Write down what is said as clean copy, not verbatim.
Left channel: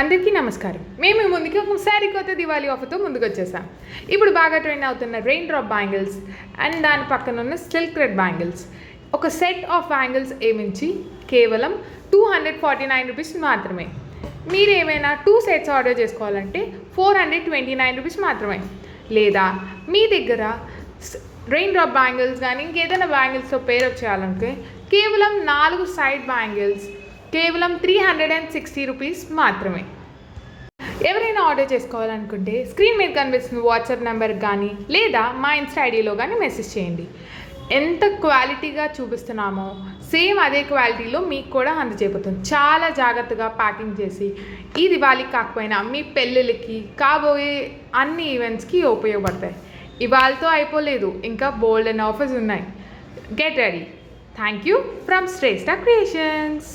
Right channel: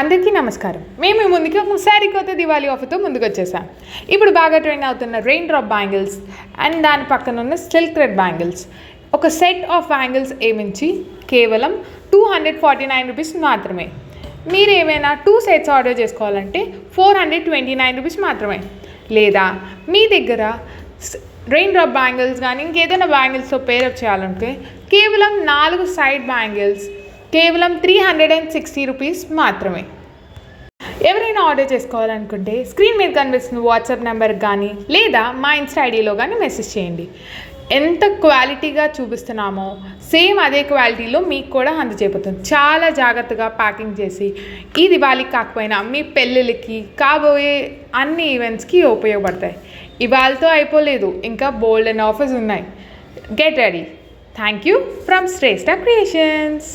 అందరికీ నమస్కారం. మేము మీ ముందుకి ఒక సరికొత్త దివాళీ ఆఫర్తో ముందుకు వచ్చేసాం. ఇప్పుడు బాగా ట్రెండ్ అవుతున్న రెయిన్ డ్రాప్ బ్యాంగిల్స్ అండ్ దాని పక్కన ఉన్న సిల్క్ థ్రెడ్ బ్యాంగిల్స్, ఒక సెట్ ఆఫ్ బ్యాంగిల్స్ ఏమించి కేవలం 249 రూపీస్ మాత్రమే. మీరు ఏమైనా 2 సెట్స్ ఆర్డర్ చేసుకోవాలంటే 429 రూపీస్ మాత్రమే. లేదా మీ దగ్గర రెయిన్ డ్రాప్ బ్యాంగిల్స్ కానీ ఇంకేదైనా బ్యాంగిల్స్తో పేరప్ చేయాలంటే కేవలం 4 సైడ్ బ్యాంగిల్స్ కేవలం 360 రూపీస్ మాత్రమే. ఎవరైనా ఆర్డర్ చేసుకోవాలనుకుంటే స్క్రీన్ మీద కనిపిస్తున్న వాట్సాప్ నెంబర్కి కానీ లేదా మా ఇన్స్టా ఐడిలో కానీ మెసేజ్ చేయండి. ఎంత క్వాలిటీగా చూపిస్తున్నామో సేమ్ అదే క్వాలిటీలో మీకు కూడా అందజేయబోతుంది. చాలా జాగ్రత్తగా ప్యాకింగ్ చేసి ఈ దివాళీకి కాకపోయినా మీ పెళ్ళిళ్ళకి కాబోయే అన్ని ఈవెంట్స్కి ఉపయోగపడతాయి. ఇవాళతో అయిపోలేదు, ఇంకా బోల్డ్ అండ్ ఆఫర్స్ ఉన్నాయి. Get ready. Thank you from Shreshta creations.